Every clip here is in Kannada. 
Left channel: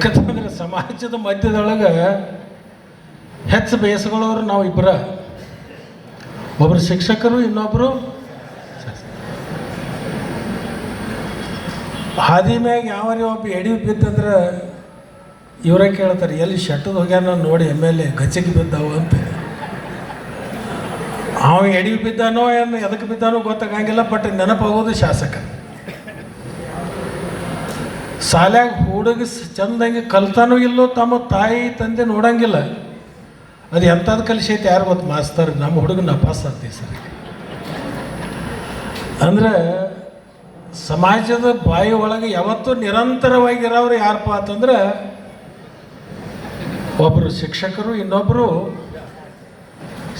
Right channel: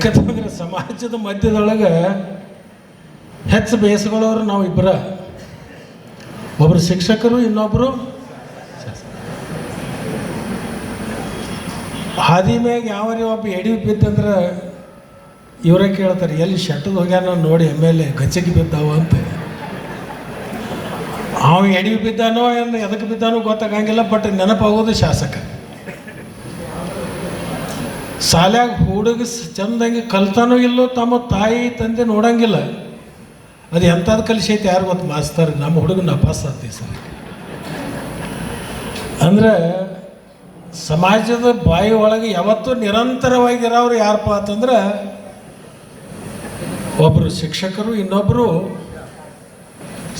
ಯಾಕಂತಂದ್ರೆ ಸಮಾಜದ ಮಧ್ಯದೊಳಗೆ ಹೆಚ್ಚು ಬೇಸಗಳವರು ನಾವು ಇಬ್ಬರ, ಒಬ್ಬರು ಶಿಕ್ಷಕರು, ಇನ್ನೊಬ್ಬರು ಹಾದಿ ಮ್ಯಾಗ ಯಾವರಿ ಒಬ್ಬ ಎಡಿ ಬಿತ್ತಂದ್ರೆ ಇವರೇ ಕೇಳ್ತಾರೆ, ಎಲ್ಲಿ ಶೆಟ್ಟದ ಹೋಗ್ಯಾನ ನೋಡಿ ಎಮ್.ಎಲ್.ಎ ಗಚ್ಚಿಗೆ ಬಿದ್ದಾವು ಅಂತ. ಅವ ಎಡಿ ಬಿದ್ದಾನೋ ಏನು ಎದಕ್ಕೆ ಬಿದ್ದಾನೋ ಗೊತ್ತಾಗಂಗಿಲ್ಲ, ಬಟ್ ನೆನಪಾಗೋದು ಶಾಸಕ. ಶಾಲ್ಯಾಗ ಹುಡುಗ ಚಂದಂಗೆ ಕಲ್ತಾನೋ ಇಲ್ಲೋ ತಮ್ಮ ತಾಯಿ ತಂದೆ ನೋಡಂಗಿಲ್ಲ. ಅದು ಎಂಥದ್ದು ಕಲಿಸೈತೆ ಯಾರು ಗೊತ್ತು ಮಾಸ್ತರ್, ನಮ್ಮ ಹುಡುಗ ನಪಾಸ್ ಆಗ್ತೀವಿ ಸರ್. ಅಂದ್ರೆ ಸಮಾಜದ ಬಾಯಿ ಒಳಗೆ ಯಾವತ್ತೂ ನಿರಂತರವಾಗಿರೋರು ಯಾರಪ್ಪ ಅಂತಂದ್ರೆ ಒಬ್ಬರು ಶಿಕ್ಷಕರು, ಇನ್ನೊಬ್ಬರು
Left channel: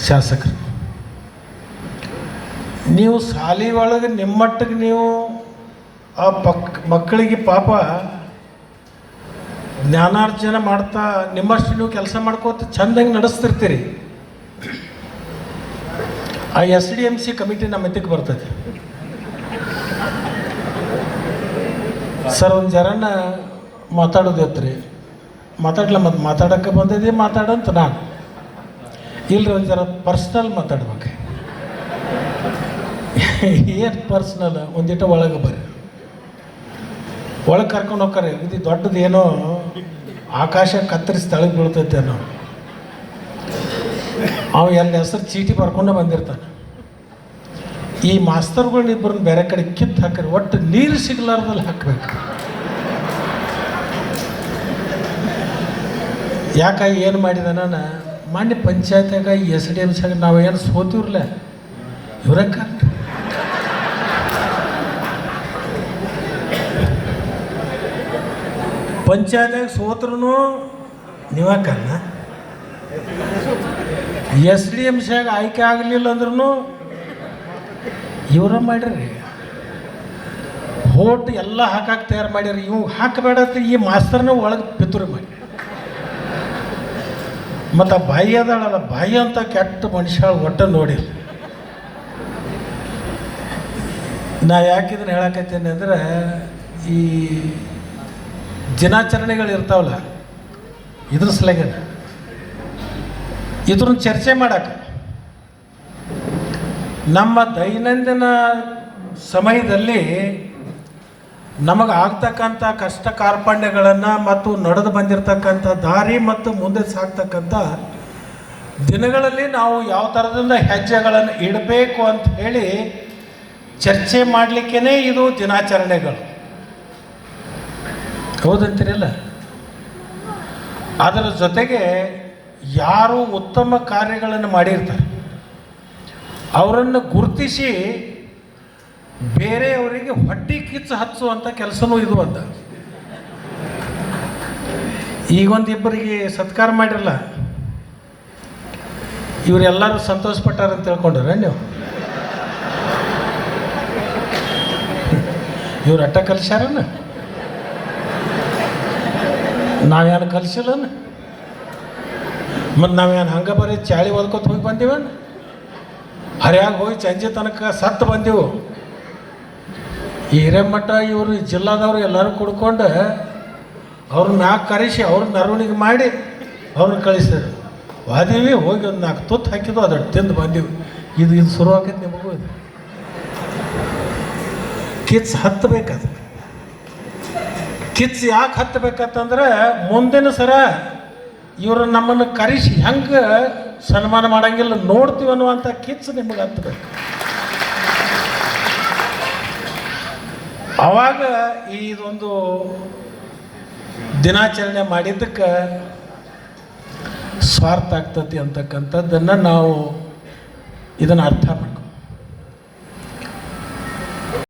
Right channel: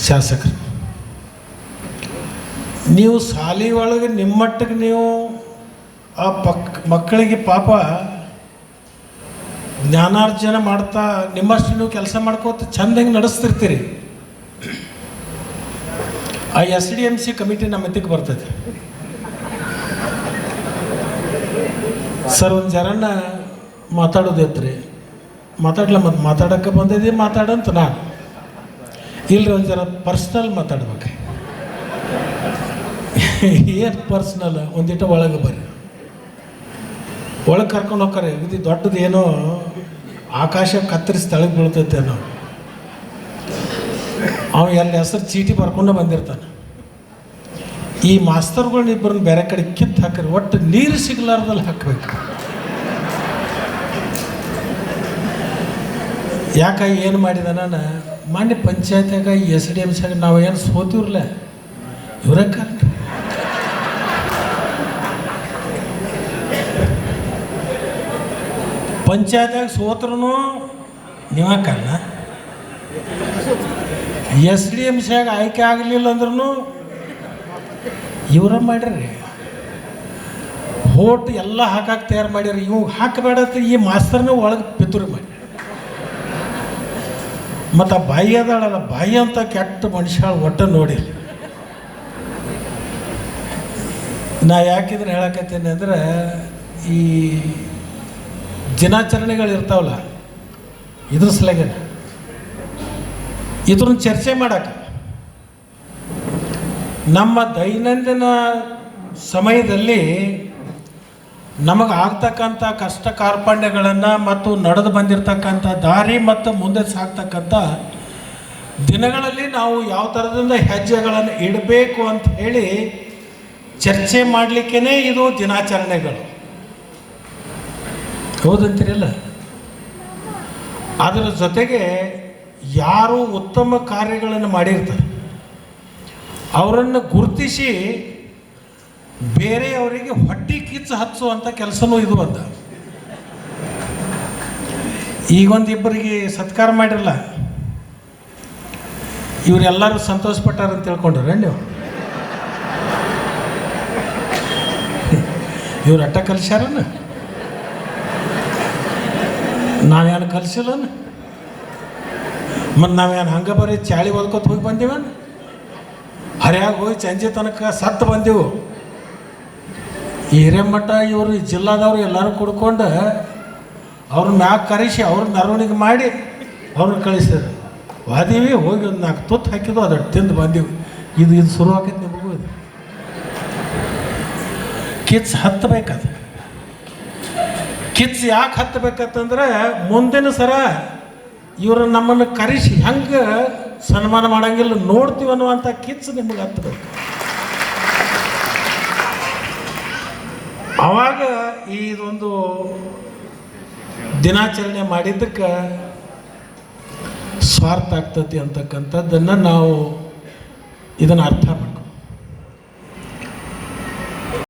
ಶಾಸಕರು. ನೀವು ಶಾಲೆ ಒಳಗೆ ನಿಮ್ಮಟ್ಟಿಗೆ ನೀವು ಆ ಮಕ್ಕಳಿಗೆ ಪಾಪ ಜ್ಞಾನಾರ್ಜನೆ ಮಾಡ್ತಾ ನಿಮ್ಮಷ್ಟು ನೀವು ಕೆಲಸ ಮಾಡ್ಕೋತ ಚಂದಂಗೆ ನಡೆಸ್ತಿರ್ತೀರಿ. ಆ SDMC ಕಮಿಟಿ ನಮ್ಮ ಮಧ್ಯಕ್ಕೆ ಬರ್ತದೆ. ಸರ್ ಒಂದು ಜರನ್ನ ಮಾತಾಡೋದೈತ್ರಿ, ಮತ್ತು ಮಾತಾಡೋಕ್ಕೆ ಬಂದಿದ್ದೀವಿ ಮಾತಾಡಂತ ನಾನು ಇಲ್ಲರಿ ಒಂದು ಜರ ಪರ್ಸ್ನಲ್ ಮಾತಾಡ್ಬೇಕು. ಏನು ಪರ್ಸ್ನಲ್, ಒಂದಿಟ ಒಳಗೆ ಬರ್ರಿ, ಒಳಗೆ ಕರ್ಕೊಂಡು ಹೋಗ್ತಾರೆ. ಇದು ದೊಡ್ಡದು ಏನೋ ಆಕಾಶ ಕತ್ತರಿಸಿ ತಳಗೆ ಬೀಳ್ತೈತೇನೋ. ಅವ ಎಲ್ಲ ಹೆಸರು ಚೀಟಿ ಬರ್ಕೊಂಡು ಬಂದಿರ್ತಾನೆ. ಈ ಮಾಸ್ತರ್ಗಳನ್ನ ಇಬ್ಬರನ್ನ ಬೇರೆ ಕಡೆ ಕಿತ್ತು ಹಾಕ್ರಿ, ಒಟ್ಟು ನೀರು ಸಿಗ್ಲಾರ್ದಲ್ಲಿ ಹಾಕಬೇಕು. ಯಾಕಾಗಿ ಏನು ಮಾಡಿದ ನಾನು ಮೊನ್ನೆ ಪಂಚಾಯತ್ಯಾಗ SDMC ನಾವು ಏನು ಸೋತಿವ್ರಲ್ಲ, ಇವರೇ ಕರೆಕ್ಟ್. ಪಂಚಾಯತ್ಯಾಗ ಸೋತ್ರೂ ನೀವ ಕಣ್ಣ, SDMCಯಾಗ ಆಯ್ಕೆ ಆಗಲಿಲ್ಲ ಅಂದ್ರೂ ಇವರ ಮಾಡ್ರಿ. ಹೋಟ್ ಎಲ್ಲ ಹಾಕಕ್ಕೆ ತಯಾರು ಮಾಡ್ಯಾರ. ಇವು ಹಾಕಬೇಡ ಈ ಮಾಸ್ತರ್ನ ಒಳಗೆ ಪಿತೂರಿ ಮಾಡಿ. ಮತ್ತು ಆ ಬಾಯಿ ಅದಳಲ್ಲ, ಬಾಯಿ ಅಂತ ಕೆಟ್ಟ ಮನುಷ್ಯ ಒಟ್ಟು ನೋಡಿ. ನಾ ಯಾಕಿದ್ರೆ ಹೇಳಕತ್ತೀನಿ ಅಂದರೆ, ಈ ದಿನಾಚರಣೆಗಳು ಇರ್ತಾವಲ್ಲ, ಇದ್ರ ಸಲಗೆ ಇದ್ರನ್ನ ಚರ್ಚೆ ಮಾಡಕ್ಕೆ ನಮ್ಮ ದೈನಂದಿನ ಸಮಯದಲ್ಲಿ ನಮಗೆ ಆಗ್ತಕ್ಕಂಥ ಕಷ್ಟ ಕಾರ್ಪಣ್ಯಗಳನ್ನು ಮತ್ತು ನಡೆದು ಬಂದಿರತಕ್ಕಂಥ ದಾರಿ ಮತ್ತು ಮುಂದೆ ಸಾಗ್ತಕ್ಕಂಥ ದಿನಗಳಲ್ಲಿ ನಾವು ಯಾವ ಥರದಿಂದ ಹೆಜ್ಜೆಗಳನ್ನು ಇಡಬೇಕು ಅಂತ ಹೇಳಿ ಚರ್ಚೆ ಮಾಡಲಿಕ್ಕೇ ಇದು ದಿನಾಚರಣೆಗಳು. ಹೌದಂತೀರಲ್ಲ? ಅದರ ಜೊತೆಗೆ ಯಾರು ಉತ್ತಮ ಕಾರ್ಯಗಳನ್ನು ಮಾಡಿರ್ತಾರೆ ಅವರನ್ನು ಗುರುತಿಸಿ ಬೇರೆಯವರಿಗೆ ಹೊಟ್ಟೆ ಕಿಚ್ಚು ಹಚ್ಚುವಂಥ ಕೆಲಸನೂ ಇದು ಅಂತ. ಈಗೊಂದಿಬ್ಬರಿಗೆ ಸತ್ಕಾರ ಮಾಡಿರಲ್ಲ, ಇವರೆಲ್ಲರೂ ಸಂತೋಷಪಟ್ಟಾರಂತ ತಿಳ್ಕೊಂಡ್ರೆ ನೀವು. ಇವ್ರು ಅಟ್ಟ ಕಲಿಸ್ಯಾರನ್ನ, ನಾವೇನು ಕಲಿಸಿಲ್ಲನ? ಮತ್ತು ನಾವೇನು ಹಂಗೆ ಬರೀ ಚಾಳಿ ಓದ್ಕೊತ ಹೋಗಿ ಬಂದೀವನ್ನ? ಹರಿಯಾಗಿ ಹೋಗಿ ಸಂಜೆ ತನಕ ಸತ್ತು ಬಂದೆವು. ಈ ಹಿರೇಮಠ ಇವರು ಜಿಲ್ಲಾದವರು ಎಲ್ಲರೂ ಕುಡ್ಕೊಂಡು ಅವ್ರನ್ನ ಮ್ಯಾಗ ಕರೆಸಿ ಅವ್ರ ಮೆರವಣಿಗೆ ಮಾಡಿ ಅವ್ರನ್ನ ಕಳಿಸಿದ್ರು. ವಾದೀವಿ ಹೋಗಿ ಒಂದು 4 ತುತ್ತು ಹಾಕಿದ್ವು, ಅದನ್ನು ತಿಂದು ಬಂದೆವು. ಇದು ಶುರು ಆಕೈತೆ ನಿಮಗೂ. ಇದು ಕಿಚ್ಚು ಹತ್ತಬೇಕದು. ಕಿಚ್ಚು ಯಾಕೆ ಹತ್ತಬೇಕಂತಂದ್ರೆ ಮುಂದಿನ ಸರ ಇವರು ನಮ್ಮನ್ನು ಕರೆಸಿ ಹೆಂಗೆ ಸನ್ಮಾನ ಮಾಡೋಂಗಿಲ್ಲ ನೋಡ್ತೀವಿ ಅನ್ನುವಂಥ ಕಿಚ್ಚು ನಿಮಗೆ ಹತ್ತಬೇಕು. ಆವಾಗ ಇದೊಂದು ದಿನಾಚರಣೆ ಮಾಡಿದ್ದಕ್ಕೆ ಸ್ವಾರ್ಥ ಆಗ್ತತಿ ಅಂತಕ್ಕಂಥದ್ದನ್ನು ನಾವು ಇದನ್ನು ಅರ್ಥ